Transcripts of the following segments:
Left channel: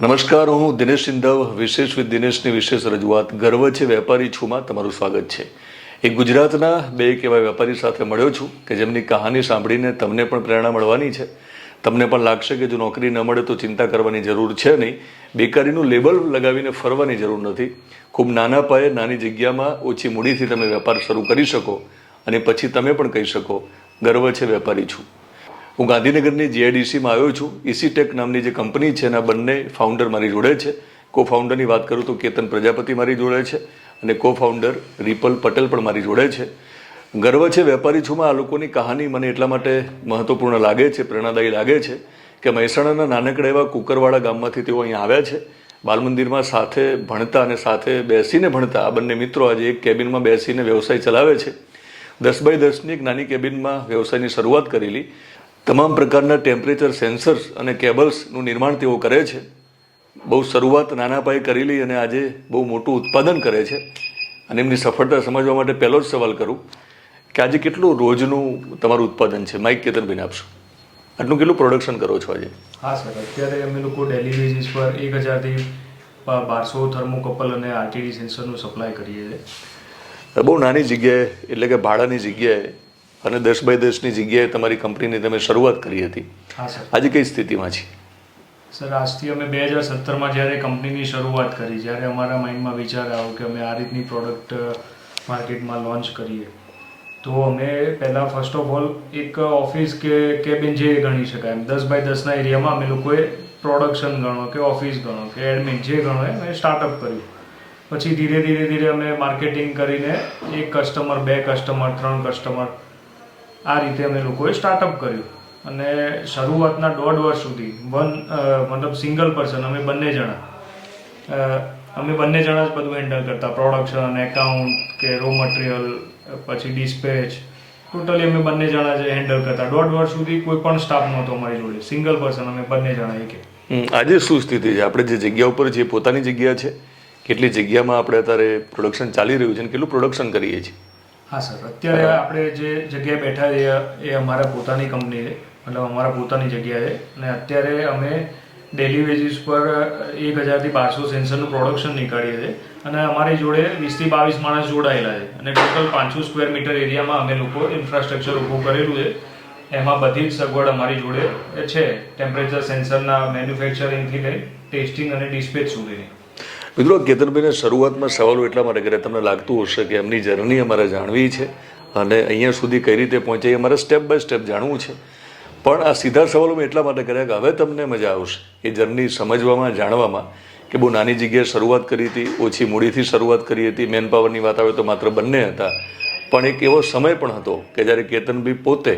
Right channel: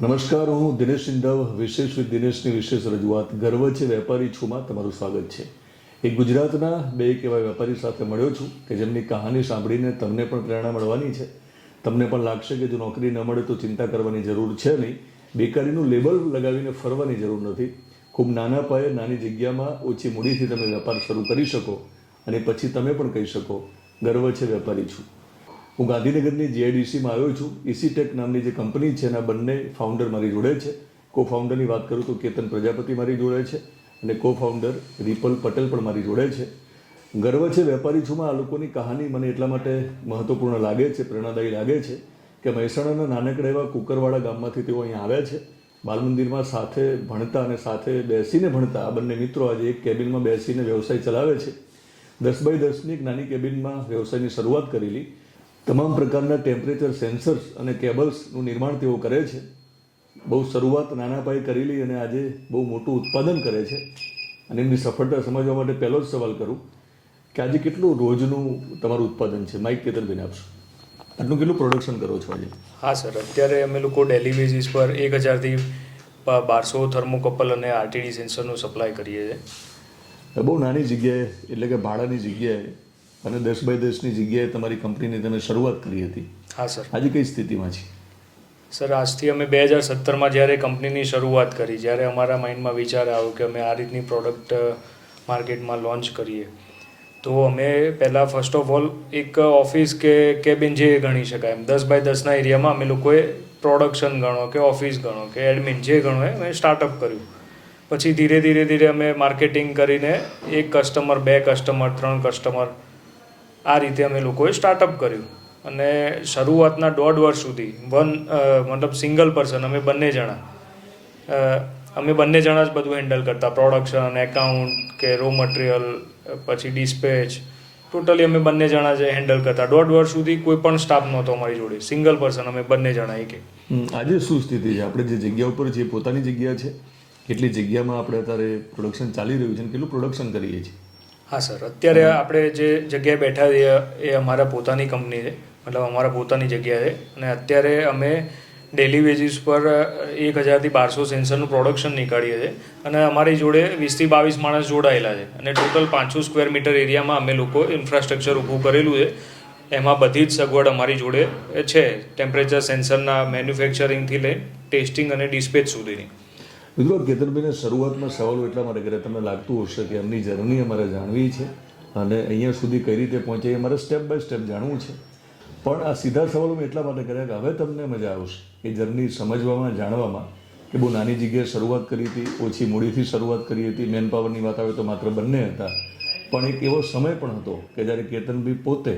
નમસ્કાર, હું દિનેશ સિંધવ, વિશેષ વિથ દિનેશની વિશેષ રજૂઆત. ગર્વ છે વેપારી છુંમાં તમારું સ્વાગત છે. એ ગુજરાતના બે એક વેપારી સાથે મળ્યો છું કે જેમની કહાની સાંભળીને તમને પણ પ્રેરણા મળવાની છે. તમને પણ લાગશે કે જો નોકરી ન મળે તો ચિંતા કરવાની જરૂર છે નહીં. બેકારીનું લેબલ લગાવીને ફરવાની જરૂર નથી. ખૂબ નાના પાયે નાની જગ્યામાં ઓછી મૂડીથી તમે વેપાર શરૂ કરી શકો અને પછી તમે પણ કહી શકો, ગર્વ છે વેપારી છું. હું ગાંધીનગરની જીઆઈડીસીમાં આવ્યો છું. ઇસીટેક નામની જે કંપની છે, એના બંને ફાઉન્ડર મારી જોડે છે. કો ફાઉન્ડરની વાત કરું તો કેતન પ્રજાપતિ મારી જોડે છે અને કો ફાઉન્ડર રિપલ પટેલ પણ મારી જોડે છે. ગર્વ છે વેપારી છુંમાં આ લોકોની કહાની મને એટલા માટે મહત્વપૂર્ણ લાગે છે, પ્રેરણાદાયી લાગે છે કે મહેસાણાના નાનકડા એવા કુકરવાડા ગામમાંથી તેઓ અહીંયા આવ્યા છે. બાલમંદિરમાં સાથે ભણતા અને સાથે બેસીને ભણતા આ બંને મિત્રો આજે એક કેબિનમાં બેસીને વ્યવસાય ચલાવે છે. દસ બાય દસની એક નાની કેબિનમાં વ્યવસાયની શરૂઆત કરેલી. તમામ પ્રકારના ટેમ્પરેચર સેન્સર્સ અને કેબલ્સનું નિર્માણ તેઓ કરે છે. બહુ શરૂઆત નાના પાયે કરેલી અને આજે બહુ મોટું ઉત્પાદન કરે છે. અને એમની સફળતા સમજવા માટે પહેલો જ સવાલ કરું કે આજે કેટલું રોજનું તમારું ઉત્પાદન છે? માઇક કેતનબેન આપશો. આટલું કેટલું પ્રોડક્શન કરો છો આજે? હા સર. અત્યારે અમે લોકો ડેલી બેઝિસ પર એક હજારથી બારસો થર્મોકપલ અને આરટીડી સેન્સરનું સપ્લાય કરીએ છીએ. બહુ નાની જગ્યાએ એટલે કે ભાડાની જગ્યાએ અને દસ બાય દસની જગ્યાએ તમારી કંપનીની તમે શરૂઆત કરી હતી. હા સર. આજે કઈ સ્થિતિમાં છે? સર આજથી અમે બે હજાર સત્તરમાં જ્યારે કંપનીની શરૂઆત કરી જ્યારે અમારા માઇન્ડમાં વિચાર આવ્યો કે અમે આ રીતની પ્રોડક્ટ માર્કેટમાં લોન્ચ કરીએ તો અમે પહેલાં ફર્સ્ટ ઓફ ઓલ એક ઓફિસ કે કેબિન જે ગણી શકાય એમ દસ બાય દસના એરિયામાં અમે લોકોએ પ્રોડક્શન ગણો કે ઓફિસ ગણો કે એડમિન જે ગણો એ અમે સ્ટાર્ટઅપ કર્યું. પછી ધીરે ધીરે ધીરે અમે માર્કેટિંગ કરીને એક કસ્ટમર બે કસ્ટમર ત્રણ કસ્ટમર આ રીતે અમે લોકોએ સ્ટાર્ટઅપ કર્યું. અને શરૂઆતના દોઢ વર્ષ સુધી વન મતલબ સિંગલ પર્સન અમે બંને જણા. અમે બંને જણા જ બધું હેન્ડલ કરતા. પ્રોડક્શન એકાઉન્ટ કે રો મટીરિયલ પછી ડિસ્પેચ ટોટલી અમે બંને જણા જ હેન્ડલ કરતા. દોઢ વર્ષ સુધી કોઈ પણ સ્ટાફ નહોતો અમારી જોડે. સિંગલ પર્સન અમે બંને જણા એક. આજે શું સ્થિતિ છે? આપણે જે જગ્યા ઉપર જે પોતાની જગ્યા છે? કેટલી જગ્યામાં આપણે અત્યારે પ્રોડક્શન ચાલી રહ્યું છે અને કેટલું પ્રોડક્શન કરીએ છીએ? હા સર. અત્યારે આપણે જે જગ્યાએ બેઠા છીએ એ અમારા પોતાની કંપની છે. મતલબ અમારા પોતાની જગ્યાએ અને અત્યારે અમે ડેલી બેઝિસ પર એક હજારથી બારસો સેન્સરનું પ્રોડક્શન નીકાળીએ છીએ. અને અમારી જોડે વીસથી બાવીસ માણસ જોડાયેલા છે. અને ટોટલ પાંચસો સ્ક્વેર મીટર એરિયામાં અમે લોકો ઇન્ફ્રાસ્ટ્રક્ચર ઊભું કરેલું છે. એમાં બધી જ સગવડ અમારી જોડે છે. ટેમ્પરેચર સેન્સરના મેન્યુફેક્ચરિંગથી લઈ ટેસ્ટિંગ અને ડિસ્પેચ સુધીની. મિત્રો કેતનભાઈને શરૂઆતમાં સવાલો એટલા માટે કર્યા તમને લાગતું હશે કે એમની જર્ની અમારે જાણવી છે અને અહીંયા સુધી કઈ રીતે પહોંચે એ અમારે સ્ટેપ બાય સ્ટેપ જાણવું છે. પણ આ સીધા સવાલો મેં એટલા માટે કર્યા કે હવે તમને મજા આવશે. એ જર્ની સમજવામાં, જાણવામાં કે બહુ નાની જગ્યાએ શરૂઆત કરી હતી, ઓછી મૂડીથી શરૂઆત કરી હતી મેન પાવરની વાત આવે તો માત્ર બંને હતા. પણ એક એવો સમય પણ હતો કે જ્યારે કેતનભાઈ પોતે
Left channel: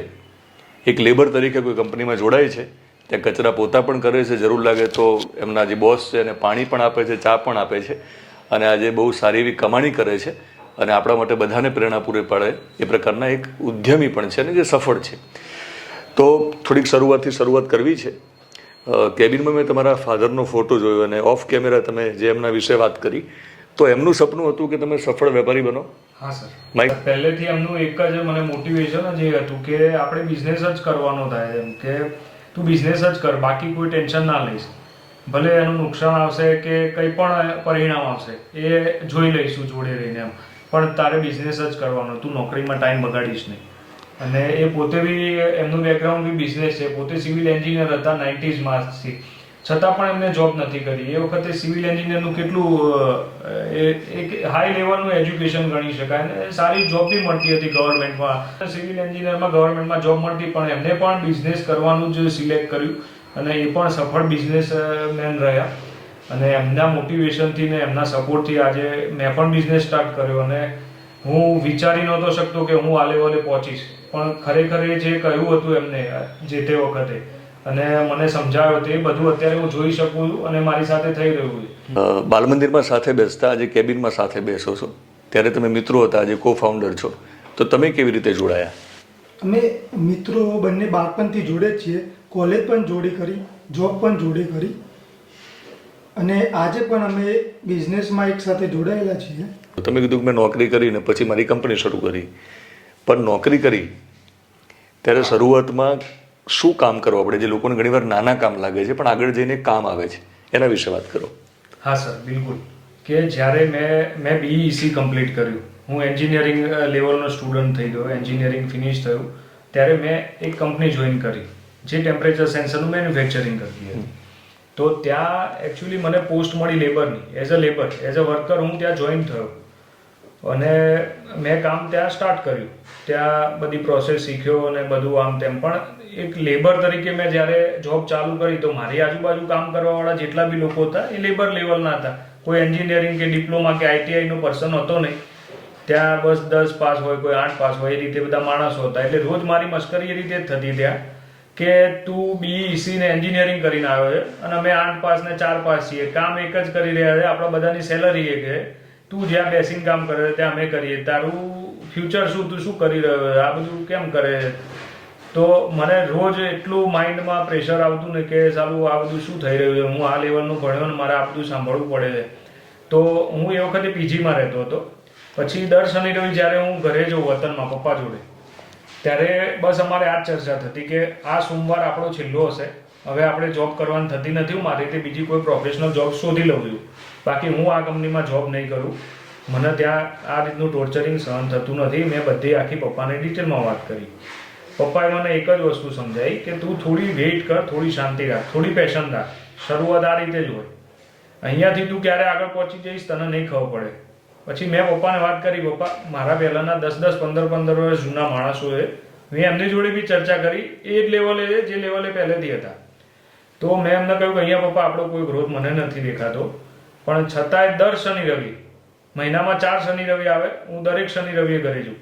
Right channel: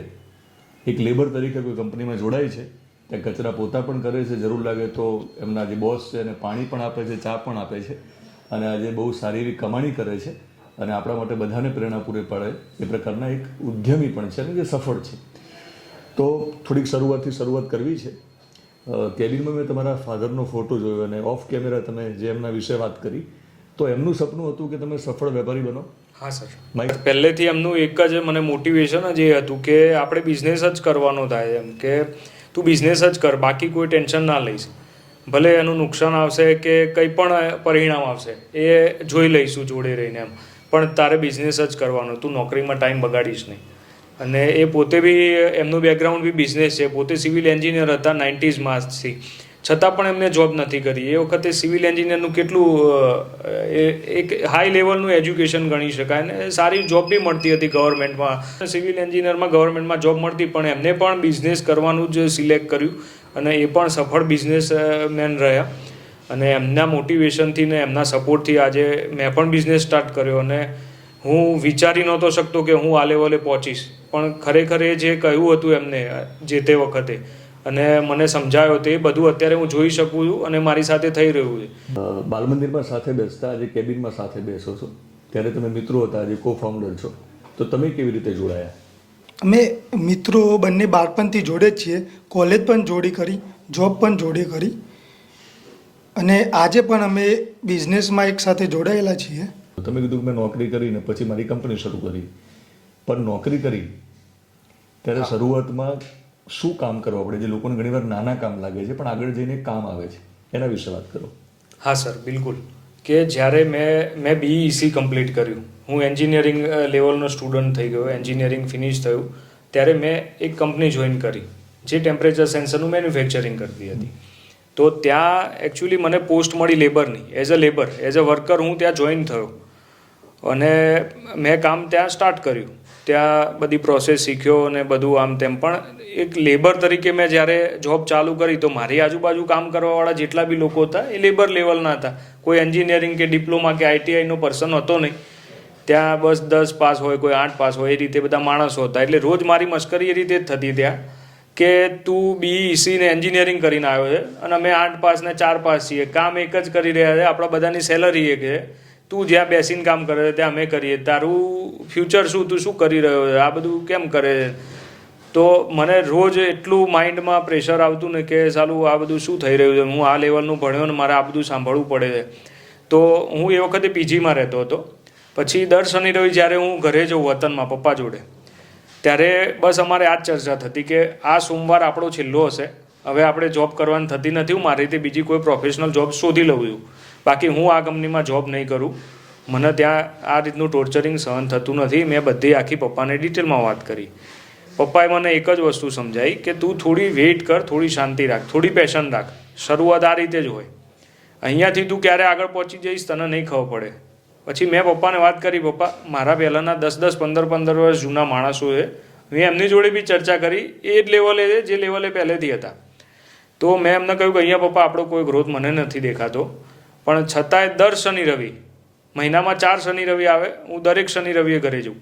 એક લેબર તરીકે કોઈ કંપનીમાં જોડાય છે ત્યાં કચરા પોતા પણ કરે છે જરૂર લાગે તો એમના જે બોસ છે એને પાણી પણ આપે છે ચા પણ આપે છે અને આજે બહુ સારી એવી કમાણી કરે છે અને આપણા માટે બધાને પ્રેરણા પૂરી પાડે એ પ્રકારના એક ઉદ્યમી પણ છે અને જે સફળ છે. તો થોડીક શરૂઆતથી શરૂઆત કરવી છે. કેબિનમાં મેં તમારા ફાધરનો ફોટો જોયો અને ઓફ કેમેરા તમે જે એમના વિશે વાત કરી તો એમનું સપનું હતું કે તમે સફળ વેપારી બનો? હા સર. માઇક પહેલેથી એમનું એક જ મને મોટિવેશન જ એ હતું કે આપણે બિઝનેસ જ કરવાનો થાય એમ કે તું બિઝનેસ જ કર, બાકી કોઈ ટેન્શન ના લઈશ. ભલે એનું નુકસાન આવશે કે કંઈ પણ પરિણામ આવશે, એ જોઈ લઈશું જોડે રહીને એમ. પણ તારે બિઝનેસ જ કરવાનો, તું નોકરીમાં ટાઈમ બગાડીશ નહીં. અને એ પોતે બી, એમનું બેકગ્રાઉન્ડ બી બિઝનેસ છે. પોતે સિવિલ એન્જિનિયર હતા નાઇન્ટીઝમાંથી છતાં પણ એમને જોબ નથી કરી. એ વખતે સિવિલ એન્જિનિયરનું કેટલું એક હાઈ લેવલનું એજ્યુકેશન ગણી શકાય અને સારી જોબ બી મળતી હતી ગવર્મેન્ટમાં સિવિલ એન્જિનિયરમાં ગવર્મેન્ટમાં જોબ મળતી, પણ એમને પણ બિઝનેસ કરવાનું જ સિલેક્ટ કર્યું અને એ પણ સફળ બિઝનેસ મેન રહ્યા. અને એમના મોટિવેશનથી ને એમના સપોર્ટથી આજે મેં પણ બિઝનેસ સ્ટાર્ટ કર્યો અને હું વિચારી નહોતો શકતો કે હું આ લેવલે પહોંચીશ. પણ ખરેખર એ જે કહ્યું હતું એમને જે તે વખતે અને મને સમજાયો તે બધું અત્યારે હું જોઈ શકું છું અને મારી સાથે થઈ રહ્યું છે. બાલ મંદિરમાં સાથે બેસતા આજે કેબિનમાં સાથે બેસો છો. ત્યારે તમે મિત્રો હતા આજે કો ફાઉન્ડર છો. તો તમે કેવી રીતે જોડાયા? અમે મિત્રો બંને બાળપણથી જોડે જ છીએ. કોલેજ પણ જોડી કરી જોબ પણ જોડી કરી. અને આજે પણ અમે બિઝનેસમાં એક સાથે જોડાયેલા છીએ. તો તમે કીધું કે મેં નોકરી કરીને પછી મારી કંપની શરૂ કરી. પણ નોકરી કરી ત્યારે શરૂઆતમાં શું કામ કરવું આપણે? જે લોકોને ઘણીવાર નાના કામ લાગે છે, પણ આગળ જઈને કામ આવે છે. એના વિશે વાત કરો. હા, સર, બિલકુલ. કે જ્યારે મેં મેં બીઈસી કમ્પ્લીટ કર્યું. હું એન્જિનિયરિંગ લેવલનો સ્ટુડન્ટ થઈ ગયો એન્જિનિયરિંગ ફિનિશ થયું. ત્યારે મેં એક કંપની જોઈન કરી, જે ટેમ્પરેચર સેન્સરનું મેન્યુફેક્ચરિંગ કરતી હતી. તો ત્યાં એકચ્યુઅલી મને પોસ્ટ મળી લેબરની as a labour as a worker હું ત્યાં જોઈન થયો. અને મેં કામ ત્યાં સ્ટાર્ટ કર્યું. ત્યાં બધી પ્રોસેસ શીખ્યો અને બધું આમ તેમ. પણ એક લેબર તરીકે મેં જ્યારે જોબ ચાલુ કરી તો મારી આજુબાજુ કામ કરવાવાળા જેટલા બી લોકો હતા, એ લેબર લેવલના હતા. કોઈ એન્જિનિયરિંગ કે ડિપ્લોમા કે આઈટીઆઈનો પર્સન હતો નહીં. ત્યાં બસ દસ પાસ હોય, કોઈ આઠ પાસ હોય, એ રીતે બધા માણસો હતા. એટલે રોજ મારી મશ્કરી એ રીતે જ થતી ત્યાં કે તું બીઈસી ને એન્જિનિયરિંગ કરીને આવ્યો છે અને અમે આઠ પાસ ને ચાર પાસ છીએ. કામ એક જ કરી રહ્યા છે, આપણા બધાની સેલરી એક છે. તું જ્યાં બેસીને કામ કરે છે, ત્યાં અમે કરીએ. તારું ફ્યુચર શું? તું શું કરી રહ્યો છે? આ બધું કેમ કરે છે? તો મને રોજ એટલું માઇન્ડમાં પ્રેશર આવતું ને કે સાલું આ બધું શું થઈ રહ્યું છે? હું આ લેવલનું ભણ્યો ને મારે આ બધું સાંભળવું પડે છે. તો હું એ વખતે પીજીમાં રહેતો હતો. પછી દર શનિ રવિ જ્યારે હું ઘરે જઉં વતનમાં પપ્પા જોડે, ત્યારે બસ અમારે આ જ ચર્ચા થતી કે આ સોમવાર આપણો છેલ્લો હશે. હવે આપણે જોબ કરવાની થતી નથી મારી રીતે બીજી કોઈ પ્રોફેશનલ જોબ શોધી લઉં છું. બાકી હું આ કંપનીમાં જોબ નહીં કરું. મને ત્યાં આ રીતનું ટોર્ચરિંગ સહન થતું નથી. મેં બધી આખી પપ્પાને ડિટેલમાં વાત કરી. પપ્પાએ મને એક જ વસ્તુ સમજાવી કે તું થોડી વેઇટ કર, થોડી શાંતિ રાખ, થોડી પેશન રાખ. શરૂઆત આ રીતે જ હોય. અહીંયાથી તું ક્યારે આગળ પહોંચી જઈશ તને નહીં ખબર પડે. પછી મેં પપ્પાને વાત કરી, પપ્પા, મારા પહેલાંના દસ દસ, પંદર પંદર વર્ષ જૂના માણસોએ મેં એમની જોડે બી ચર્ચા કરી, એ જ લેવલે જે લેવલે પહેલેથી હતા. તો મેં એમને કહ્યું કે અહીંયા પપ્પા, આપણો કોઈ ગ્રોથ મને નથી દેખાતો. પણ છતાંય દર શનિ રવિ, મહિનામાં ચાર શનિ રવિ આવે, હું દરેક શનિ રવિએ ઘરે જઉં.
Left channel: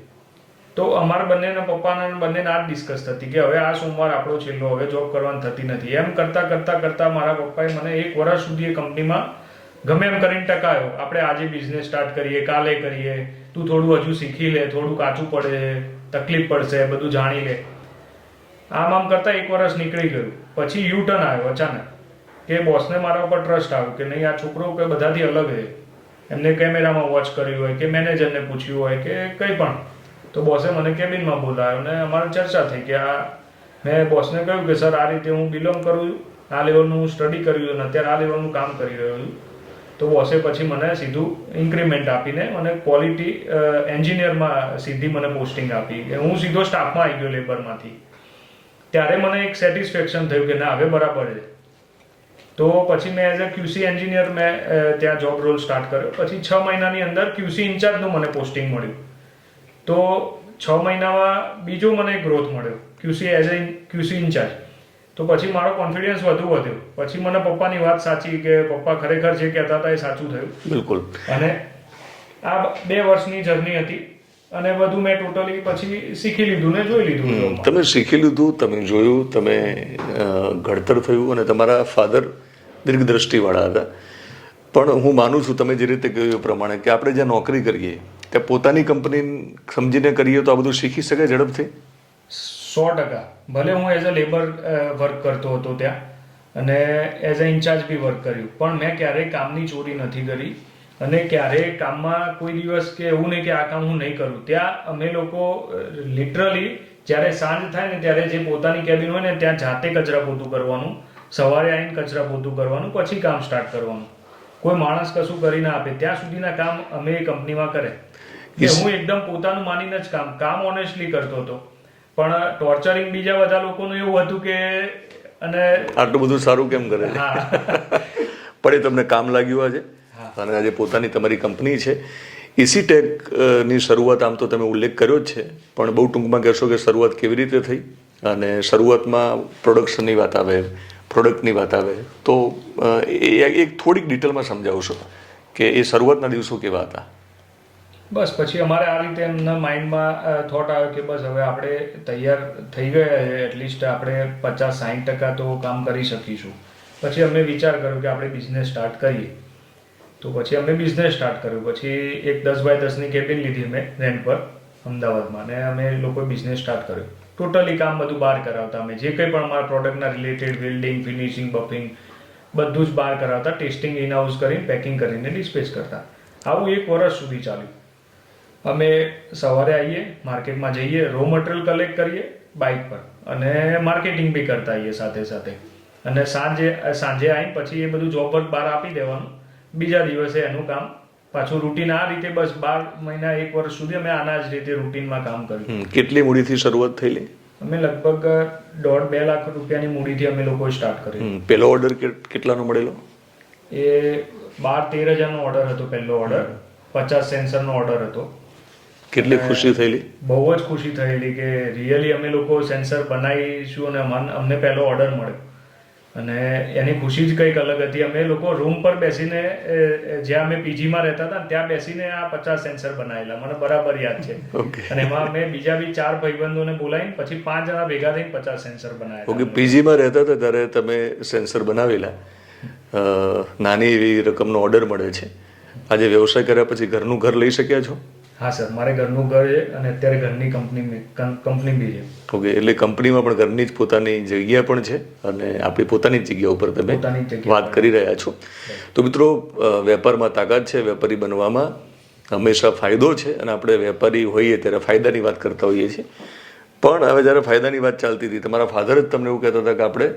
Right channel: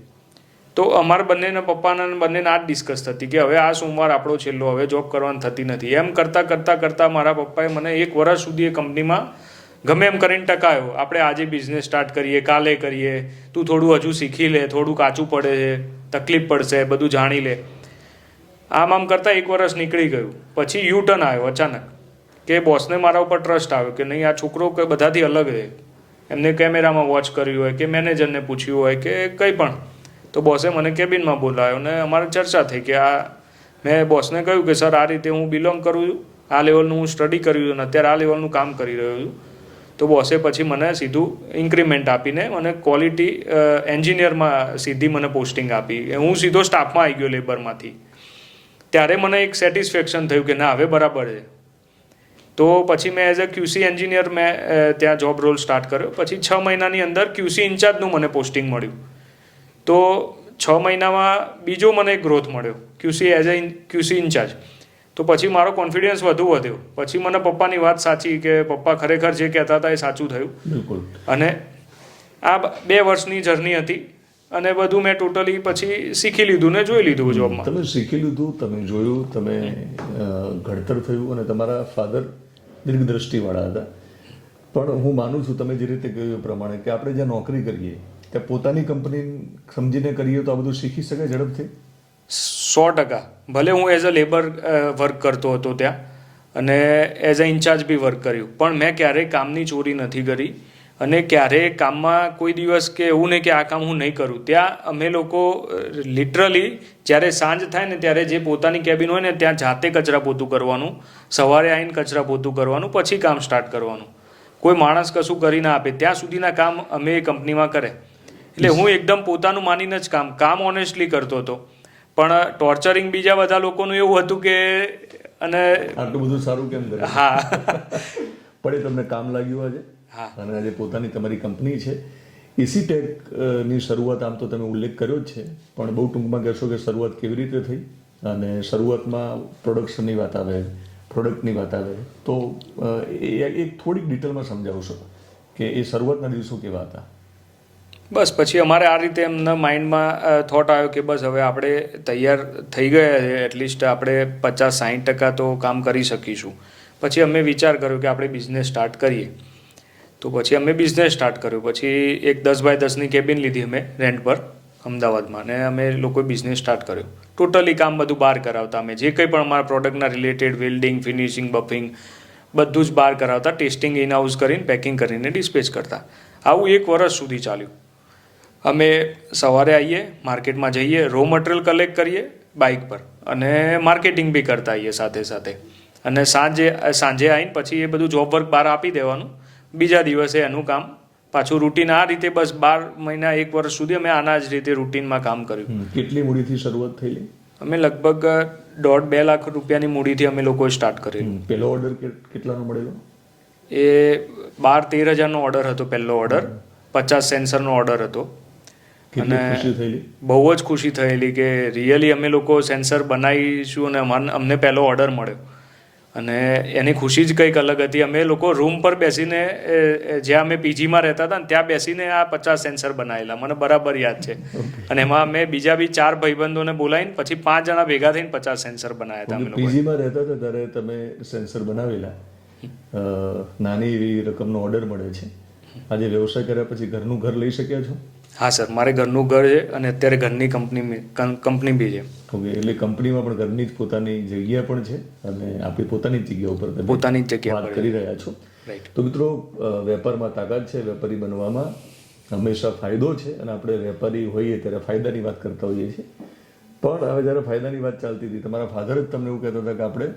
તો અમારા બંનેના પપ્પાના બંનેને આ જ ડિસ્કસ થતી કે હવે આ સોમવાર આપણો છેલ્લો, હવે જોબ કરવાની થતી નથી. એમ કરતાં કરતાં કરતાં મારા પપ્પાએ મને એક વર્ષ સુધી એ કંપનીમાં ગમે એમ કરીને ટકાયો. આપણે આજે બિઝનેસ સ્ટાર્ટ કરીએ, કાલે કરીએ. તું થોડું હજુ શીખી લે, થોડું કાચું પડે છે તકલીફ પડશે, બધું જાણી લે. આમ આમ કરતાં એક વર્ષ નીકળી ગયું. પછી યુ ટર્ન આવ્યો અચાનક. કે બોસને મારા ઉપર ટ્રસ્ટ આવ્યો કે નહીં, આ છોકરો કે બધાથી અલગ છે એમને કેમેરામાં વોચ કર્યું હોય, કે મેનેજરને પૂછ્યું હોય, કે કંઈ પણ. તો બોસે મને કેબિનમાં બોલાવ્યો ને અમારે ચર્ચા થઈ કે આ, મેં બોસને કહ્યું કે, સર, આ રીતે હું બિલોંગ કરું છું. આ લેવલનું હું સ્ટડી કર્યું છું અને અત્યારે આ લેવલનું કામ કરી રહ્યો છું. તો બોસે પછી મને સીધું ઇન્ક્રીમેન્ટ આપીને મને ક્વોલિટી એન્જિનિયરમાં સીધી મને પોસ્ટિંગ આપી. હું સીધો સ્ટાફમાં આવી ગયો લેબરમાંથી ત્યારે મને એક સેટિસ્ફેક્શન થયું કે, ના, હવે બરાબર છે. તો પછી મેં એઝ અ ક્યુસી એન્જિનિયર મેં ત્યાં જોબ રોલ સ્ટાર્ટ કર્યો. પછી છ મહિનાની અંદર ક્યુસી ઇન્ચાર્જનું મને પોસ્ટિંગ મળ્યું. તો છ મહિનામાં બીજો મને ગ્રોથ મળ્યો QC as a QC incharge તો પછી મારો કોન્ફિડન્સ વધુ વધ્યો. પછી મને પપ્પાની વાત સાચી કે પપ્પા ખરેખર જે કહેતા હતા એ સાચું થયું. બિલકુલ. અને આ બે વર્ષની જર્ની હતી અને બધું મેં ટોટલી પછી શીખી લીધું ને જોઈ લીધું જોબમાં તમે શીખી લીધું તમે જોયું તમે ઘડતર થયું અને તમારા ફાધર દીર્ઘદ્રષ્ટિવાળા હતા. પણ હું માનું છું તમે જે રીતે કહ્યું એ પ્રમાણે કે આપણે જ્યાં નોકરી કરીએ ત્યાં પોતાની કંપની સમજીને કરીએ તો આ બધું શીખી શકે ઝડપથી? સો ટકા. ભલે હું એઝ અ લેબર વર્ક કરતો હતો ત્યાં અને એઝ અ ઇન્ચાર્જ બી વર્ક કર્યું. પણ મેં ક્યારેય કામની ચોરી નથી કરી અને ક્યારેય કામમાં કોઈ દિવસ કે એવું નહીં કે આ કામ હું નહીં કરું. ત્યાં અમે લોકો લિટરલી જ્યારે સાંજ થાય ને ત્યારે જે પોતાની કેબિન હોય ને ત્યાં જાતે કચરા પોતું કરવાનું, સવારે આવીને કચરા પોતું કરવાનું, પછી કામ સ્ટાર્ટ કરવાનું. કોઈ માણસ કશું કરી ના આપે. ત્યાં સુધીના કામ અમે એ કંપનીમાં કરે. એટલે હું એકદમ પોતાનું માનીને જ કામ કામ ઓનેસ્ટલી કરતો હતો. પણ ટોર્ચરિંગ બીજા બધા લોકોનું એવું હતું કે અને આટલું બધું સારું કેમ કરે હા. પણ એ તમને કામ લાગ્યું આજે? અને આજે પોતાની તમારી કંપની છે. એસી ટેકની શરૂઆત આમ તો તમે ઉલ્લેખ કર્યો જ છે પણ બહુ ટૂંકમાં કહેશો કે શરૂઆત કેવી રીતે થઈ? અને શરૂઆતમાં પ્રોડક્શનની વાત આવે પ્રોડક્ટની વાત આવે તો એ એક થોડીક ડિટેલમાં સમજાવશો કે એ શરૂઆતના દિવસો કેવા હતા? બસ, પછી અમારે આ રીતે એમના માઇન્ડમાં થોટ આવ્યો કે બસ હવે આપણે તૈયાર થઈ ગયા છે એટલીસ્ટ આપણે પચાસ સાઠ ટકા તો કામ કરી શકીશું. પછી અમે વિચાર કર્યો કે આપણે બિઝનેસ સ્ટાર્ટ કરીએ. તો પછી અમે બિઝનેસ સ્ટાર્ટ કર્યો. પછી એક દસ બાય દસની કેબિન લીધી અમે રેન્ટ પર, અમદાવાદમાં. અને અમે લોકોએ બિઝનેસ સ્ટાર્ટ કર્યો. ટોટલી કામ બધું બહાર કરાવતા અમે. જે કંઈ પણ અમારા પ્રોડક્ટના રિલેટેડ વેલ્ડિંગ ફિનિશિંગ બફિંગ બધું જ બહાર કરાવતા ટેસ્ટિંગ ઇન કરીને પેકિંગ કરીને ડિસ્પેચ કરતા. આવું એક વર્ષ સુધી ચાલ્યું. અમે સવારે આવીએ માર્કેટમાં જઈએ રો મટીરિયલ કલેક્ટ કરીએ બાઇક પર. અને માર્કેટિંગ બી કરતા આવીએ સાથે સાથે. અને સાંજે સાંજે આવીને પછી એ બધું જોબ વર્ક બહાર આપી દેવાનું. બીજા દિવસે એનું કામ પાછું રૂટીન આ રીતે બસ બાર મહિના એક વર્ષ સુધી અમે આના જ રીતે રૂટીનમાં કામ કર્યું. કેટલી મૂડીથી શરૂઆત થયેલી? અમે લગભગ દોઢ બે લાખ રૂપિયાની મૂડીથી અમે લોકોએ સ્ટાર્ટ કર્યું. પહેલો ઓર્ડર કેટલાનો મળેલો? એ બાર તેર હજારનો ઓર્ડર હતો પહેલો ઓર્ડર પચાસ સેન્સરનો ઓર્ડર હતો. કેટલી ખુશી થયેલી? બહુ જ ખુશી થયેલી કે રિયલી અમે લોકો સેન્સર બનાવીશું અને મન અમને પહેલો ઓર્ડર મળ્યો. અને એની ખુશી જ કંઈક અલગ હતી. અમે લોકો રૂમ પર બેસીને જ્યાં અમે પીજીમાં રહેતા હતા ત્યાં બેસીને આ પચાસ સેન્સર બનાવેલા. મને બરાબર યાદ છે. અને એમાં અમે બીજા બી ચાર ભાઈબંધોને બોલાવીને પછી પાંચ જણા ભેગા થઈને પચાસ સેન્સર બનાવ્યા હતા પીજીમાં રહેતા હતા ત્યારે તમે સેન્સર બનાવેલા. નાની એવી રકમનો ઓર્ડર મળે છે. આજે વ્યવસાય કર્યા પછી ઘરનું ઘર લઈ શક્યા છો? હા સર મારે ઘરનું ઘર છે અને અત્યારે ઘરની કંપની કંપની બી છે. ઓકે એટલે કંપનીમાં પણ ઘરની જ પોતાની જગ્યા પણ છે અને આપણી પોતાની જ જગ્યા ઉપર તમે પોતાની જ જગ્યા વાત કરી રહ્યા છો. તો મિત્રો વેપારમાં તાકાત છે વેપારી બનવામાં હંમેશા ફાયદો છે અને આપણે વેપારી હોઈએ ત્યારે ફાયદાની વાત કરતા હોઈએ છીએ. પણ હવે જ્યારે ફાયદાની વાત ચાલતી હતી તમારા ફાધર જ તમને એવું કહેતા હતા કે આપણે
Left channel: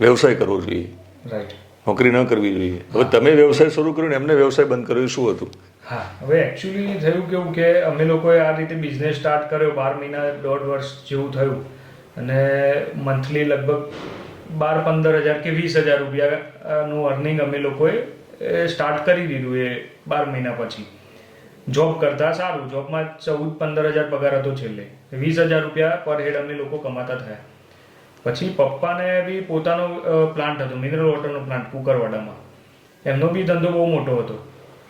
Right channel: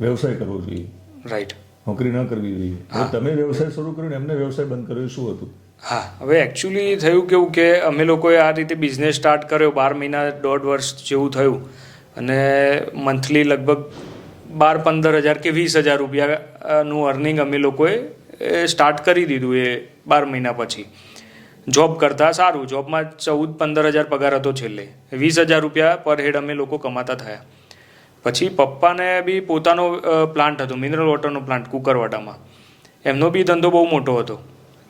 વ્યવસાય કરવો જોઈએ. રાઈટ નોકરી ન કરવી જોઈએ. હવે તમે વ્યવસાય શરૂ કર્યો ને એમને વ્યવસાય બંધ કર્યો શું હતું? હા. હવે એકચ્યુઅલી થયું કેવું કે અમે લોકોએ આ રીતે બિઝનેસ સ્ટાર્ટ કર્યો બાર મહિના દોઢ વર્ષ જેવું થયું. અને મંથલી લગભગ બાર પંદર હજાર કે વીસ હજાર રૂપિયાનું અર્નિંગ અમે લોકોએ સ્ટાર્ટ કરી દીધું એ બાર મહિના પછી. જોબ કરતાં સારું. જોબમાં ચૌદ પંદર હજાર પગાર હતો છેલ્લે. વીસ હજાર રૂપિયા પર હેડ અમે લોકો કમાતા થયા. પછી પપ્પાને બી પોતાનો પ્લાન્ટ હતો મિનરલ વોટરનો પ્લાન્ટ કુકરવાડામાં એમનો બી ધંધો બહુ મોટો હતો.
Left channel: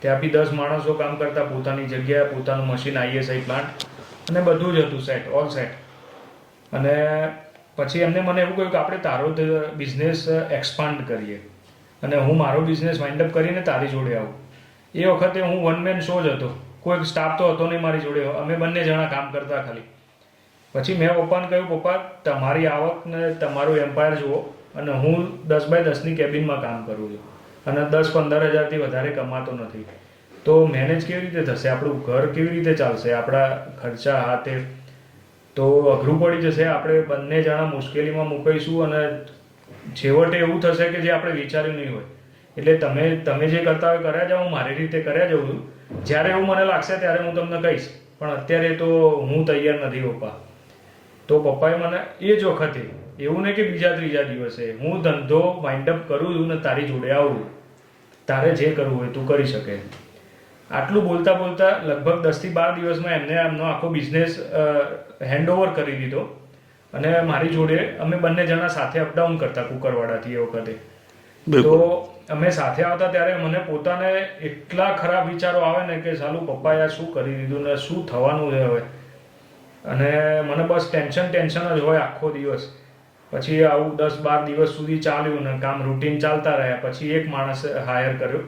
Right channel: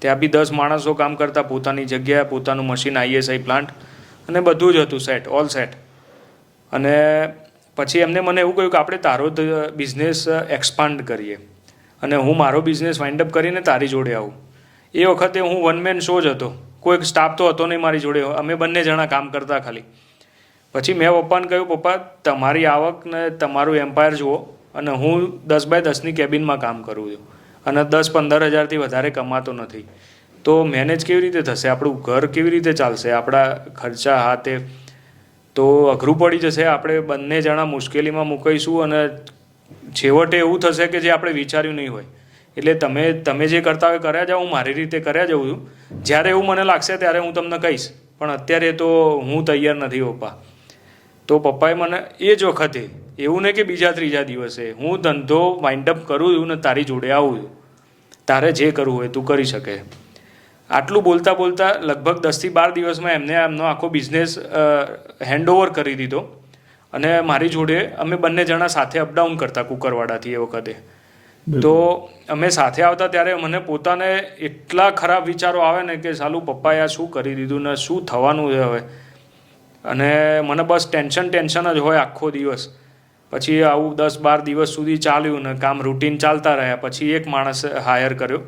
ત્યાં બી દસ માણસો કામ કરતા, પોતાની જગ્યાએ પોતાનું મશીન આઈએસઆઈ પ્લાન્ટ અને બધું જ હતું સેટ ઓલ સેટ અને પછી એમને મને એવું કહ્યું કે આપણે તારો બિઝનેસ એક્સપાન્ડ કરીએ. અને હું મારો બિઝનેસ વાઇન્ડ અપ કરીને તારી જોડે આવું. એ વખતે હું વન મેન શો જ હતો. કોઈક સ્ટાફ તો હતો નહીં મારી જોડે. અમે બંને જણા કામ કરતા ખાલી. પછી મેં પપ્પાને કહ્યું પપ્પા, તમારી આવકને તમારું એમ્પાયર જુઓ અને હું દસ બાય દસની કેબિનમાં કામ કરું છું. અને દસ પંદર હજારથી વધારે કમાતો નથી. તો મેનેજ કેવી રીતે થશે? આપણું ઘર કેવી રીતે ચાલશે? આપણા ખર્ચા હાથે તો અઘરું પડી જશે? આપણે બંને જણા મુશ્કેલીમાં મુકાઈશું અને છેવટે એવું થશે કે જે આપણે વિચાર્યું નહીં હોય. એટલે તમે તમે જે કરતા હોય કર્યા જાઓ, હું મારી રીતે કર્યા જાઉં છું. જ્યારે એવું મને લાગશે ત્યારે હું તમને કહીશ. પણ અત્યારે તો હું તૈયાર નથી, પપ્પા. તો પપ્પાએ મને એ જ વખતે એવું નહીં કે બીજા ત્રીજા દિવસે હું ધંધો માઇન્ડઅપ કરું છું ને તારી જોડે આવું છું. તારે જે કરવું હોય તું કરી શકે. આટલું બોલતા બોલતા લગભગ દસથી બાર દિવસમાં એમને એમનો આખો બિઝનેસ હેન્ડઓવર કરી દીધો. અને મારી જોડે અમે બંને જણા સાથે અપડાઉન કરતા કુકરવાડાથી એ વખતે. તો અમે સાથે આવતા ત્યારે મને પોતાને એટલા ખરાબ વિચારો આવે ને કે સાલું પપ્પાએ આ શું કરી દીધું ને શું થવાનું છે હવે? અને મને બસ ટેન્શન ટેન્શન જ હોય આખો દિવસ. પછી આવું દસ બાર દિવસ સુધી ચાલ્યું ને કામ રૂટીન ચાલતા રહ્યા. પછી એક માણસ હાયર કર્યો.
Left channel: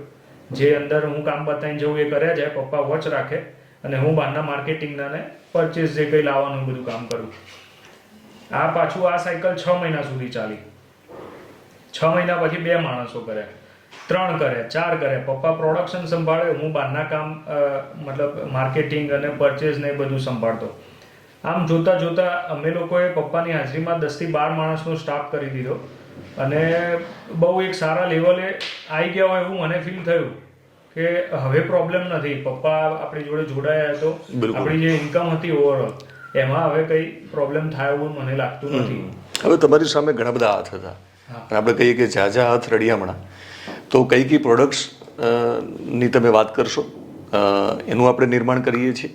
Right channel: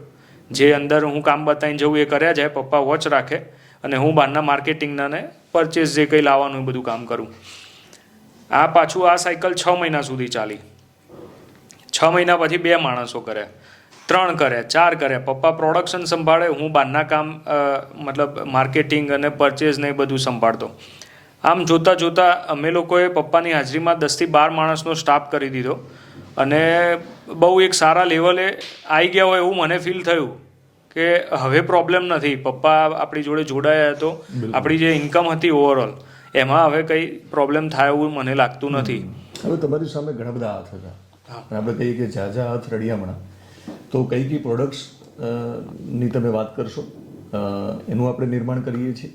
જે અંદર હું કામ બતાવીને જવું એ કર્યા જાય, પપ્પા વોચ રાખે અને હું બહારના માર્કેટિંગના ને પરચેસ જે કંઈ લાવવાનું એ બધું કામ કરું. આ પાછું આ સાયકલ છ મહિના સુધી ચાલી. છ મહિના પછી બે માણસો કર્યા. ત્રણ કરે ચાર કરે પપ્પા પ્રોડક્શન સંભાળે, હું બહારના કામ મતલબ માર્કેટિંગ અને પરચેસ ને એ બધું સંભાળતો. આમ જોતાં જોતાં અમે લોકોએ પપ્પાની હાજરીમાં દસથી બાર માણસનો સ્ટાફ કરી દીધો. અને બહુ એક સારા લેવલે આવી ગયા હોય એવું મને ફીલ થયું કે હવે પ્રોબ્લેમ નથી. પપ્પા આપણી જોડે જોડાયા તો આપણી જે ઇન્કમ હતી ઓવરઓલ એમાં હવે કંઈ પ્રોબ્લેમ થાય એવું મને લાગતું નથી. હવે તમારી સામે ઘણા બધા હાથ હતા. અને આપણે કહીએ કે ઝાઝા હાથ રડિયામણા તો કઈ કઈ પ્રોડક્ટ્સની તમે વાત કરશો? એનું આપણે નિર્માણ કરીએ છીએ?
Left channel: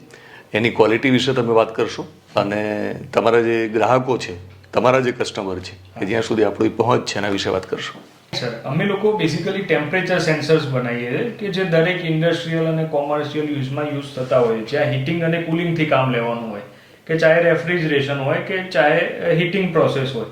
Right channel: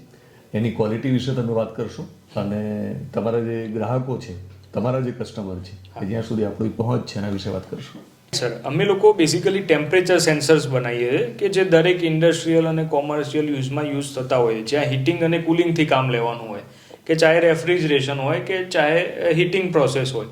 એની ક્વોલિટી વિશે તમે વાત કરશો? અને તમારા જે ગ્રાહકો છે, તમારા જે કસ્ટમર છે કે જ્યાં સુધી આપણી પહોંચ છે, એના વિશે વાત કરશો. સર અમે લોકો બેસિકલી ટેમ્પરેચર સેન્સર્સ બનાવીએ કે જે દરેક ઇન્ડસ્ટ્રીયલ અને કોમર્શિયલ યુઝમાં યુઝ થતા હોય જ્યાં હીટિંગ અને કુલિંગથી કામ લેવાનું હોય. કે ચાહે રેફ્રિજરેશન હોય કે ચાહે હીટિંગ પ્રોસેસ હોય.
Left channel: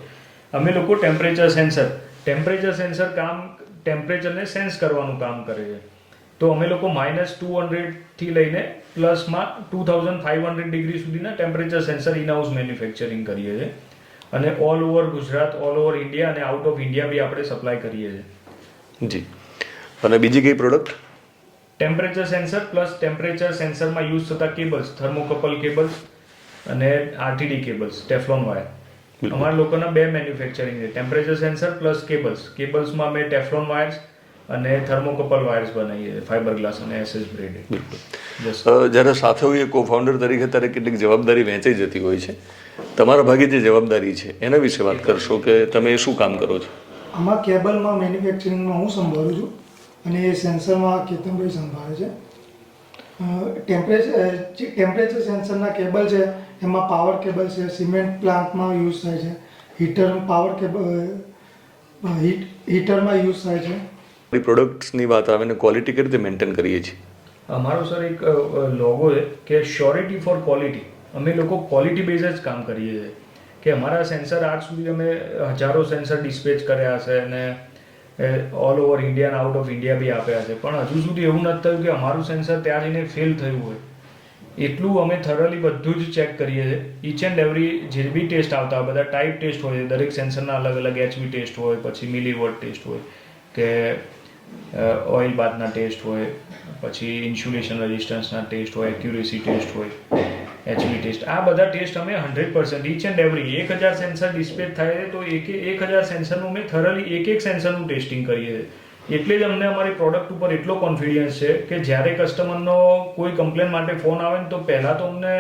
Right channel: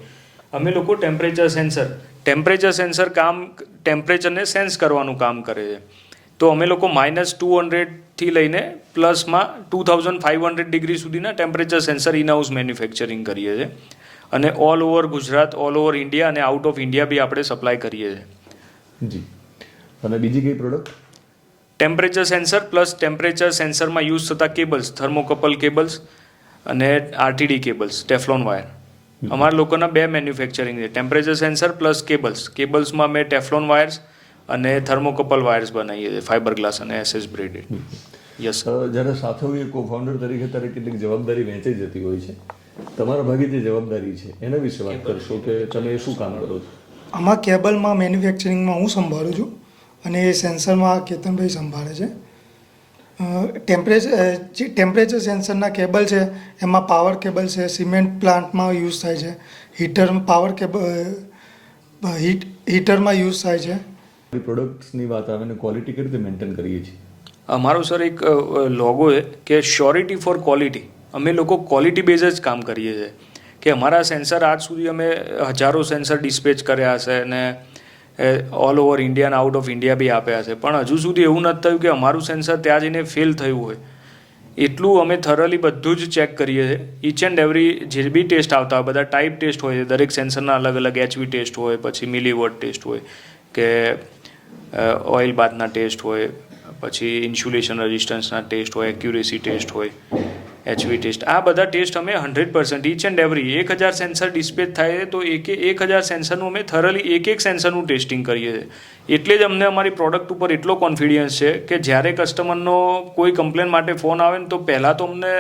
અમે લોકો ટેમ્પરેચર સેન્સર ટેમ્પરેચર સેન્સર કામ ટેમ્પરેચરને સેન્સ કરવાનું કામ કરે છે. તો અમે લોકો માઇનસ ટુ હંડ્રેડથી લઈને પ્લસમાં two thousand five hundred degree સુધીના temperature sensor in house manufacturing કરીએ છીએ. અને all over Gujarat all over India અને આઉટ ઓફ ઇન્ડિયા બી આપણે સપ્લાય કરીએ છીએ. જી. અને બીજી કઈ product temperature sensor plus temperature સેન્સરમાં use થતા કેબલ્સ થર્મોકપલ કેબલ્સ અને આરટીડી કેબલ્સ ટેફલોન વાયર અમારા લોકોના બે મેન્યુફેક્ચરિંગ છે. ટેમ્પરેચર સેન્સર પ્લસ કેબલ્સ કેબલ્સમાં અમે ટેફલોન વાયર્સ અને થર્મોકોપલ વાયર્સ બનાવીએ છીએ ફાઇબર ગ્લાસ અને એસએસ બ્રેડેડ. યસ જ્યારે સાથે હોઈએ કો ફાઉન્ડર તરીકે ત્યારે કેટલીક જવાબદારી વહેંચાઈ જતી હોય છે. તમારા ભાગે જે જવાબદારી છે એના વિશે વાત કરશો કે તમે શું કામ કરો છો? આમાં કેબલમાં મેન્યુફેક્ચરિંગમાં હું સંભાળું છું અને એ સેન્સરમાં કેતનભાઈ સંભાળે છે. ટેમ્પરેચર જે ટેમ્પરેચર સેન્સરના કેબલ છે એમાં પાવર કેબલ છે સિમેન્ટ પ્લાન્ટમાં યુઝ થાય છે. હીટર પાવર કેબલ હીટ હીટરમાં યુઝ થાય છે. પ્રોડક્ટ્સની વાત આવે ને ક્વોલિટી કઈ રીતે મેન્ટેન કરીએ છીએ? અમારો સર એક લોગો છે કે શ્યોરિટી ફોર ક્વોલિટી અમે લોકો ક્વોલિટી બેઝ જ કામ કરીએ છીએ. કે અમારા સેન્સર આજ સુધી અમે હજારો સેન્સર ડિસ્પેચ કર્યા હશે અને ઓલ ઓવર ઇન્ડિયા અને આઉટ ઓફ ઇન્ડિયા બી આપ્યા છે. પણ હજુ સુધી એવું નથી થયું કે અમારું સેન્સર ત્યાં જઈને ફેલ થયું હોય. એટલું અમે થરલી બધું જ ચેક કરીએ છીએ. ઈચ એન્ડ એવરી જે બી ટેસ્ટ આવતા હોય, બધા ટાઈપ ટેસ્ટ હોય, દરેક સેન્સરના અલગ અલગ એચવી ટેસ્ટ હોય, પછી મિલીવોટ ટેસ્ટ હોય, કે ઓઇલ બાથના ટેસ્ટ હોય, પછી ઇન્સ્યુલેશન રેઝિસ્ટન્સના ટેસ્ટ હોય એક્યુરેસી ટેસ્ટ હોય એચવી ટેસ્ટ. આ બધા ટેસ્ટ અમે hundred percent each and every એક હજાર સેન્સર ડિસ્પેચ થાય તો એક એક હજાર સેન્સરનું અમે થરલી એક એક સેન્સરનું ટેસ્ટિંગ કરીએ. એટલે જ અમને અમારી પ્રોડક્ટ ઉપર એટલો કોન્ફિડન્સ છે કે જ્યારે કસ્ટમરનો કોઈ કમ્પ્લેન માટે ફોન આવે ને તો પહેલાં તો અમને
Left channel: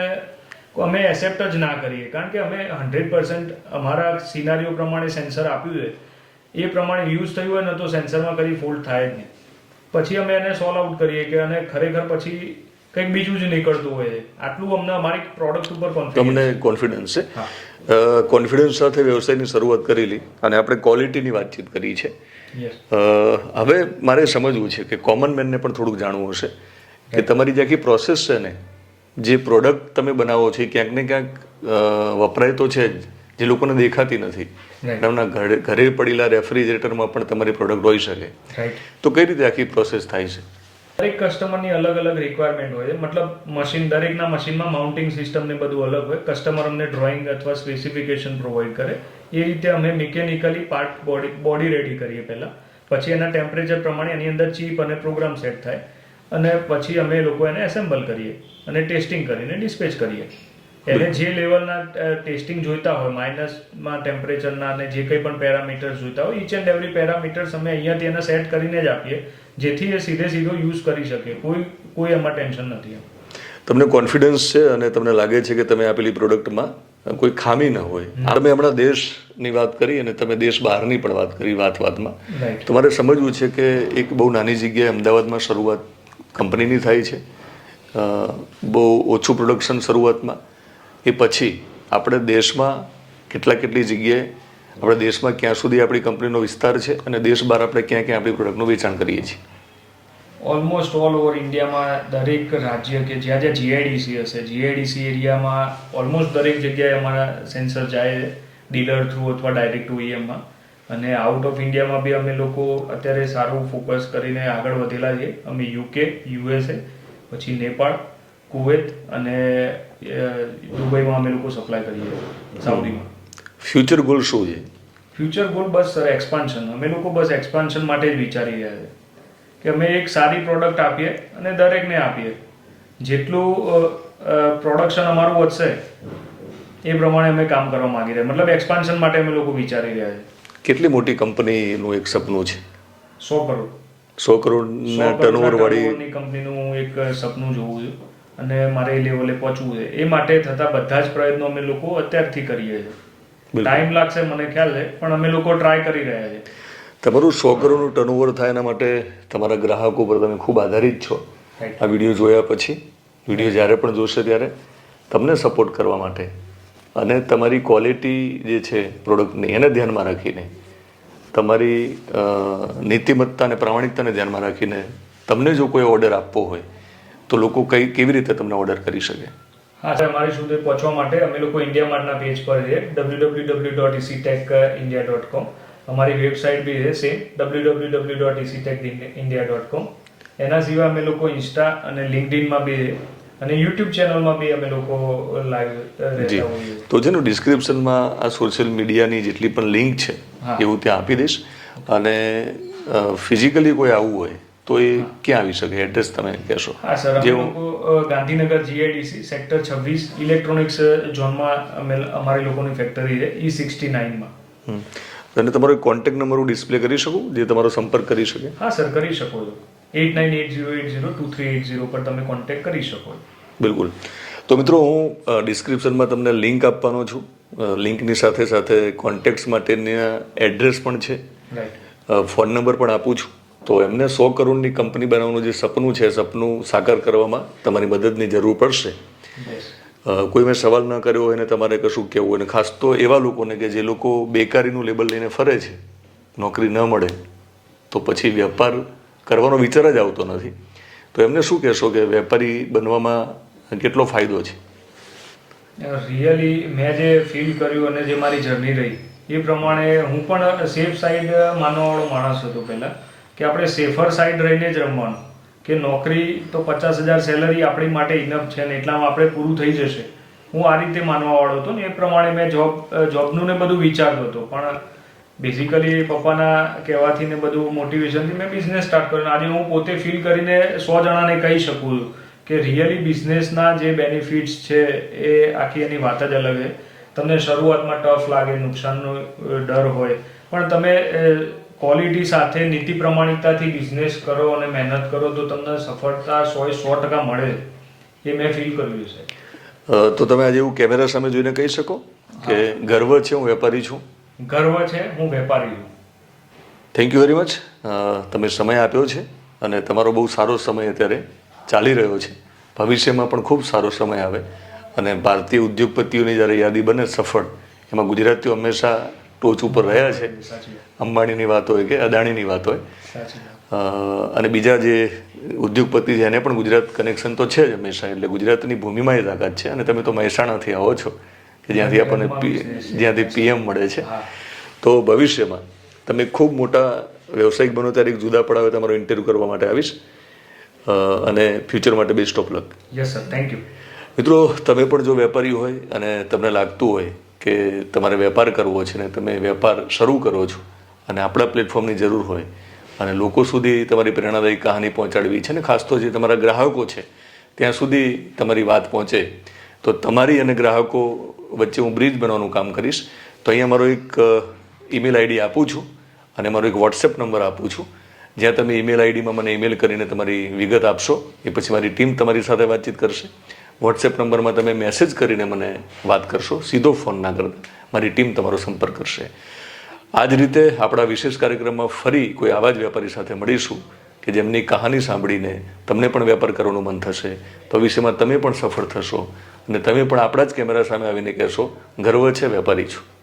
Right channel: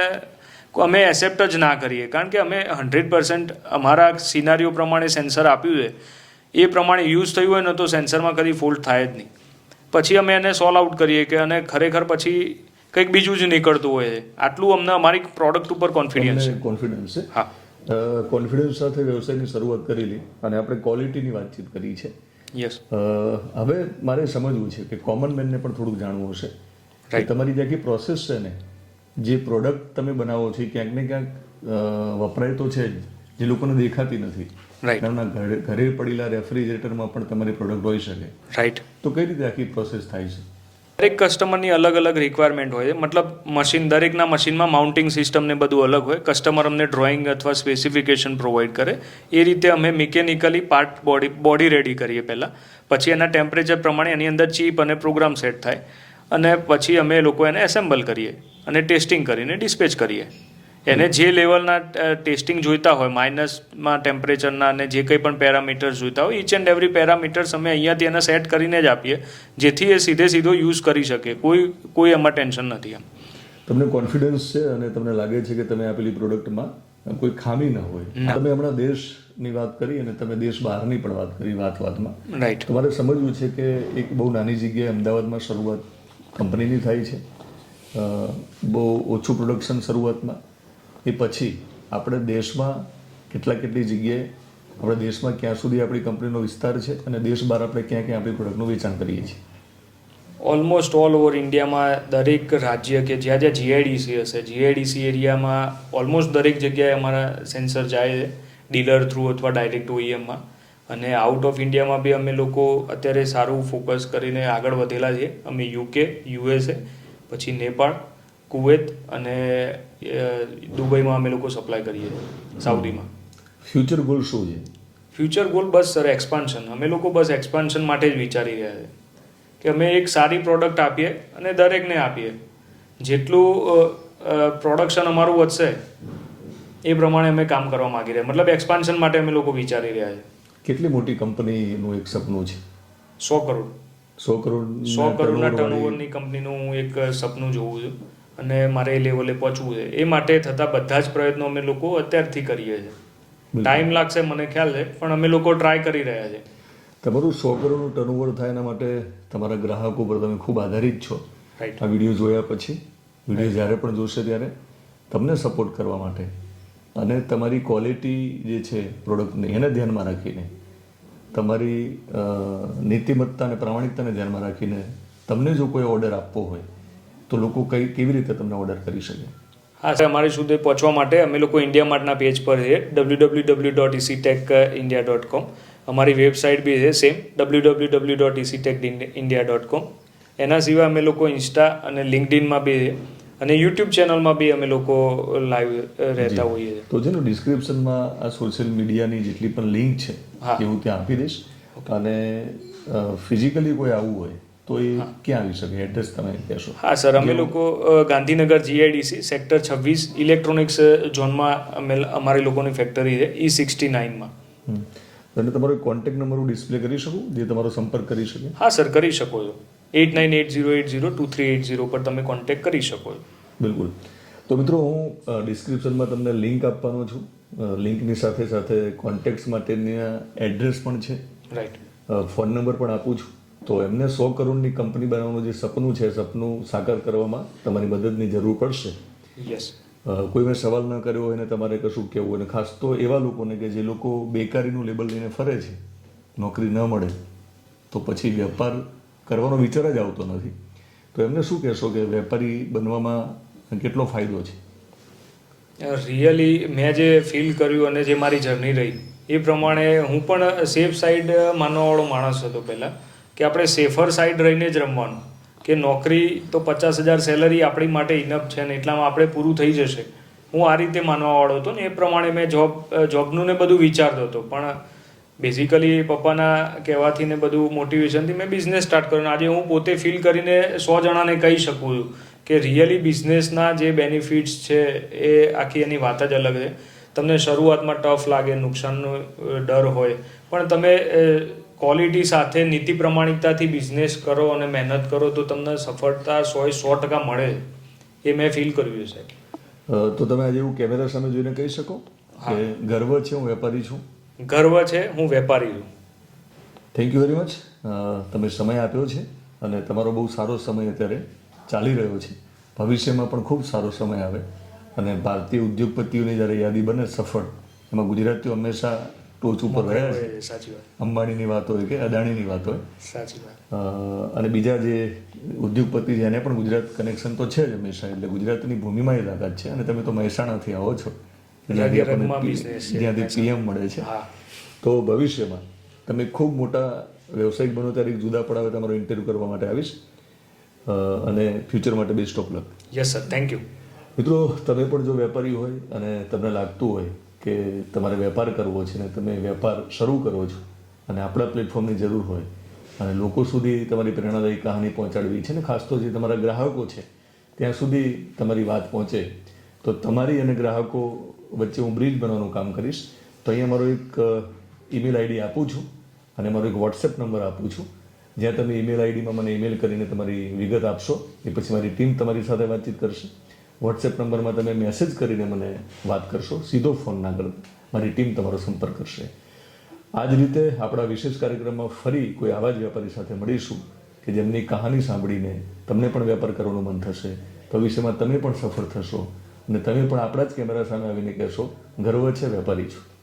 અમે એક્સેપ્ટ જ ના કરીએ. કારણ કે અમે હંડ્રેડ પર્સન્ટ અમારા સિનારીઓ પ્રમાણે સેન્સર આપ્યું છે. એ પ્રમાણે યુઝ થયું હોય ને તો સેન્સરમાં કદી ફોલ્ટ થાય જ નહીં. પછી અમે એને સોલ્વ આઉટ કરીએ કે અને ખરેખર પછી કંઈક બીજું જ નીકળતું હોય છે. આટલું અમને અમારી પ્રોડક્ટ ઉપર કોન્ફિડન્સ કોન્ફિડન્સ છે. હા. કોન્ફિડન્સ સાથે વ્યવસાયની શરૂઆત કરેલી અને આપણે ક્વોલિટીની વાતચીત કરી છે. યસ હવે મારે સમજવું છે કે કોમન મેનને પણ થોડુંક જાણવું હશે કે તમારી જે આખી પ્રોસેસ છે ને જે પ્રોડક્ટ તમે બનાવો છો એ ક્યાંક ને ક્યાંક વપરાય તો છે જ જે લોકોને દેખાતી નથી. એમના ઘરે ઘરે પડેલા રેફ્રિજરેટરમાં પણ તમારી પ્રોડક્ટ હોઈ શકે. રાઈટ તો કઈ રીતે આખી પ્રોસેસ થાય છે? દરેક કસ્ટમરની અલગ અલગ રિક્વાયરમેન્ટ હોય છે. મતલબ મશીન દરેકના મશીનમાં માઉન્ટિંગ સિસ્ટમ ને બધું અલગ હોય. કસ્ટમર અમને ડ્રોઈંગ અથવા સ્પેસિફિકેશન પ્રોવાઈડ કરે. એ રીતે અમે mechanically part body body ready કરીએ પહેલાં. પછી એના ટેમ્પરેચર પ્રમાણે એની અંદર ચીપ અને પ્રોગ્રામ સેટ થાય. અને પછી અમે લોકો એને એસેમ્બલ કરીએ. અને ટેસ્ટિંગ કરીને ડિસ્પેચ કરીએ. એને જે લેવલના ટેસ્ટિંગ જોઈતા હોય માઇનસમાં ટેમ્પરેચરના અને જે કંઈ પણ પેરામીટર્સ જોઈતા હોય ઈચ એન્ડ એવરી પેરામીટર્સ અમે અહીંયાથી એને સેટ કરીને જ આપીએ જેથી એ સીધે સીધો યુઝ કરી શકે. કોઈ કોઈ એમાં ટેન્શન નથી એમ. તમને કોન્ફિડન્સ છે અને તમને લાગે છે કે તમે આપેલી પ્રોડક્ટમાં કોઈ ખામી ન હોય. તમે હમણાં દેશની વાત કરી અને તમે દેશ બહારની પણ વાત કરી વાત વાતમાં. રાઈટ તમારે સમજવું છે કે એક બહુ નાની જગ્યાએ અમદાવાદમાં શરૂઆત કંપનીની થાય છે. બહુ ઓછું પ્રોડક્શન શરૂઆતમાં. એ પછી આપણે દેશમાં કેટલા કેટલી જગ્યાએ આપણે દેશમાં ક્યાં સુધી આપણી કંપનીનો વિસ્તાર છે અને દેશ બહાર આપણે ક્યાં ક્યાં આપણી પ્રોડક્ટનું વેચાણ કરીએ છીએ? ઓલમોસ્ટ ઓલ ઓવર ઇન્ડિયામાં દરેક રાજ્ય કે જ્યાં જ્યાં જીઆઈડીસી હશે જીઆઈડીસી એરિયામાં ઓલમોસ્ટ દરેક જગ્યાએ અમારા સેન્સર જાય ડીલર થ્રુ અથવા ડાયરેક્ટ ઓઈએમમાં અને આઉટ ઓફ ઇન્ડિયામાં બી અમે લોકો અત્યારે સારું ફોકસ કરીને આગળ વધેલા છીએ. અમે યુકે યુએસએ પછી નેપાળ કુવેત અને દુબઈમાં અમે લોકો સપ્લાય કરીએ સાઉદીમાં ફ્યુચર ગોલ શું છે? ફ્યુચર ગોલ બસ સર એક્સપાન્શન અમે લોકો બસ એક્સપાન્શન માટે જ વિચારી રહ્યા છે. કે અમે એક સારી પ્રોડક્ટ આપીએ અને દરેકને આપીએ. જેટલું પ્રોડક્શન અમારું વધશે એ પ્રમાણે અમે કામ કરવા માંગી રહ્યા. મતલબ એક્સપાન્શન માટે અમે લોકો વિચારી રહ્યા છે. કેટલી મોટી કંપનીનું એક સપનું છે? સો કરોડ. સો કરોડના ટર્નઓવર વાળી કંપનીનું એક સપનું જોવું છે. અને મારે એ લેવલે પહોંચવું છે. એ માટે થતા બધા જ પ્રયત્નો અમે લોકો અત્યારથી કરીએ છીએ. ટાઈમ લાગશે મને ખ્યાલ છે પણ અમે લોકો ટ્રાય કરી રહ્યા છે તમારું સો કરોડનું ટર્નઓવર થાય એના માટે તમારા ગ્રાહકો પર તમે ખૂબ આધારિત છો. આ વીડિયો જોયા પછી વીડિયો જ્યારે પણ જોશે ત્યારે તમને સપોર્ટ કરવા માટે. અને તમારી ક્વોલિટી જે છે પ્રોડક્ટની એને ધ્યાનમાં રાખીને તમારી નીતિમત્તા અને પ્રામાણિકતાને ધ્યાનમાં રાખીને તમને જો કોઈ ઓર્ડર આપવો હોય તો લોકો કઈ કેવી રીતે તમને ઓર્ડર કરી શકે? હા સર અમારી સુધી પહોંચવા માટે અમે લોકો ઇન્ડિયા માર્ટના પેજ પર છે ડબલ્યુ ડબલ્યુ ડબલ્યુ ડોટ ઇસીટેક ઇન્ડિયા ડોટ કોમ અમારી વેબસાઇટ બી છે same W W W dot ઇસીટેક India dot com એના સિવાય અમે લોકો ઇન્સ્ટા અને લિંકડિનમાં બી છે અને યુટ્યુબ ચેનલમાં બી અમે લોકો લાઈવ રહેતા હોઈએ તો જેનું ડિસ્ક્રિપ્શનમાં આ સોશિયલ મીડિયાની જેટલી પણ લિંક છે. એ હું ત્યાં આપી દઈશ. અને ફિઝિકલી કોઈ આવવું હોય તો એ ક્યાં આવી શકે? એડ્રેસ તમે કહેશો. હા સર અમે લોકો ગાંધીનગર જીઆઈડીસી સેક્ટર છવ્વીસ ઇલેક્ટ્રોનિક્સ ઝોનમાં અમે અમારી લોકોની ફેક્ટરી છે ઈ સિક્સટી નાઇનમાં. અને તમારો કોન્ટેક્ટ નંબર હું ડિસ્પ્લે કરી શકું? જે તમારો સંપર્ક કરી શકે? હા સર કરી શકો છો. Eight nine eight zero eight zero two three eight zero પર તમે કોન્ટેક્ટ કરી શકો છો. બિલકુલ. તો મિત્રો હું ડિસ્ક્રિપ્શનમાં તમને લિંક આપવાનો છું. લિંકની સાથે સાથે કોન્ટેક્ટ્સ માટેના એડ્રેસ પણ છે. ફોન નંબર પણ આપું છું. તો એમને સો કરોડની કંપની બનાવવાનું જે સપનું છે સપનું સાકાર કરવામાં તમારી મદદની જરૂર પડશે. કોઈ મેં સવાલ ન કર્યો હોય ને તમારે કશું કહેવું હોય અને ખાસ તો એવા લોકોને કે જે લોકો બેકારીનું લેબલ લઈને ફરે છે નોકરી ન મળે તો પછી વેપાર કરવાનો વિચાર જ આવતો નથી. તો એમને શું કહેશો કે વેપારી બનવામાં કેટલો ફાયદો છે? રિયલી મેં જે ફીલ કર્યું અને જે મારી જર્ની રહી એ પ્રમાણે હું પણ સેફ સાઈડ માનવાવાળો માણસ હતો પહેલાં. કે આપણે સેફર સાઈડ રહીને જ રમવાનું. કે નોકરી તો પચાસ હજાર સેલરી આપણી માટે ઇનફ છે ને એટલામાં આપણે પૂરું થઈ જશે. હું આ રીતે માનવાવાળો હતો ને એ પ્રમાણે મેં જોબ જોબનું ને બધું વિચારતો હતો. પણ બેઝિકલી પપ્પાના કહેવાથી ને બધું મોટિવેશનથી મેં બિઝનેસ સ્ટાર્ટ કર્યો આજે હું પોતે ફીલ કરીને સો જણાને કહી શકું છું કે રિયલી બિઝનેસના જે બેનિફિટ્સ છે એ આખી એની વાત જ અલગ છે. તમને શરૂઆતમાં ટફ લાગે, નુકસાનનો ડર હોય. પણ તમે ક્વોલિટી સાથે નીતિ પ્રમાણિકતાથી બિઝનેસ કરો અને મહેનત કરો તો તમને સફળતા સો સો ટકા મળે એ મેં ફીલ કર્યું છે તો તમે આજે એવું કેમેરા સામે જોઈને કહી શકો કે ગર્વ છે હું વેપારી છું? ગર્વ છે હું વેપારી છું. થેન્ક યુ વેરી મચ તમે સમય આપ્યો છે અને તમારો બહુ સારો સમય અત્યારે ચાલી રહ્યો છે. ભવિષ્યમાં પણ ખૂબ સારો સમય આવે અને ભારતીય ઉદ્યોગપતિઓની જ્યારે યાદી બને સફળ એમાં ગુજરાતીઓ હંમેશા ટોચ ઉપર રહ્યા છે. અંબાણીની વાત હોય કે અદાણીની વાત હોય. અને બીજા જે ઉદ્યોગપતિ છે એને પણ ગુજરાત કનેક્શન તો છે જ હંમેશા એટલે ગુજરાતની ભૂમિમાં એ તાકાત છે. અને તમે તો મહેસાણાથી આવો છો કે જ્યાંથી આપણને. જ્યાંથી પીએમ મળે છે. તો ભવિષ્યમાં તમે ખૂબ મોટા વ્યવસાયિક બનો ત્યારે એક જુદા પડાવે તમારો ઇન્ટરવ્યૂ કરવા માટે આવીશ. અને ફ્યુચર માટે best of luck yes sir thank you મિત્રો તમે પણ જો વેપારી હોય અને તમને લાગતું હોય કે તમારે વેપાર કરવો છે ને તમે વેપાર શરૂ કરો છો અને આપણા પ્લેટફોર્મની જરૂર હોય અને લોકો સુધી તમારી પ્રેરણાદાયી કહાની પહોંચાડવી છે ને ખાસ તો જે તમારા ગ્રાહકો છે, ત્યાં સુધી તમારી વાત પહોંચે. તો તમારી અને ગ્રાહકો વચ્ચે હું બ્રિજ બનવાનું કામ કરીશ. તો અહીંયા મારો એક ઈમેલ આઈડી આપું છું અને મારો એક વોટ્સએપ નંબર આપું છું. જ્યાં તમે ઈમેલ આઈડીમાં મને ઈમેલ કરીને તમારી વિગત આપશો, એ પછી મારી ટીમ તમારી સાથે વાતચીત કરશે. વોટ્સએપ નંબરમાં તમે મેસેજ કરીને મને વાત કરશો, સીધો ફોન ના કરતા. મારી ટીમ તમારો સંપર્ક કરશે. આ જ રીતે આપણા વિશેષ કાર્યક્રમમાં ફરી કોઈ આવા જ વેપારી સાથે મળીશું કે જેમની કહાની સાંભળીને તમને પણ વેપાર કરવાનું મન થશે. ભવિષ્યમાં તમે પણ સફળ થશો અને તમે પણ આપણા જ કેમેરા સામે આવીને કહેશો, ગર્વ છે, વેપારી છું.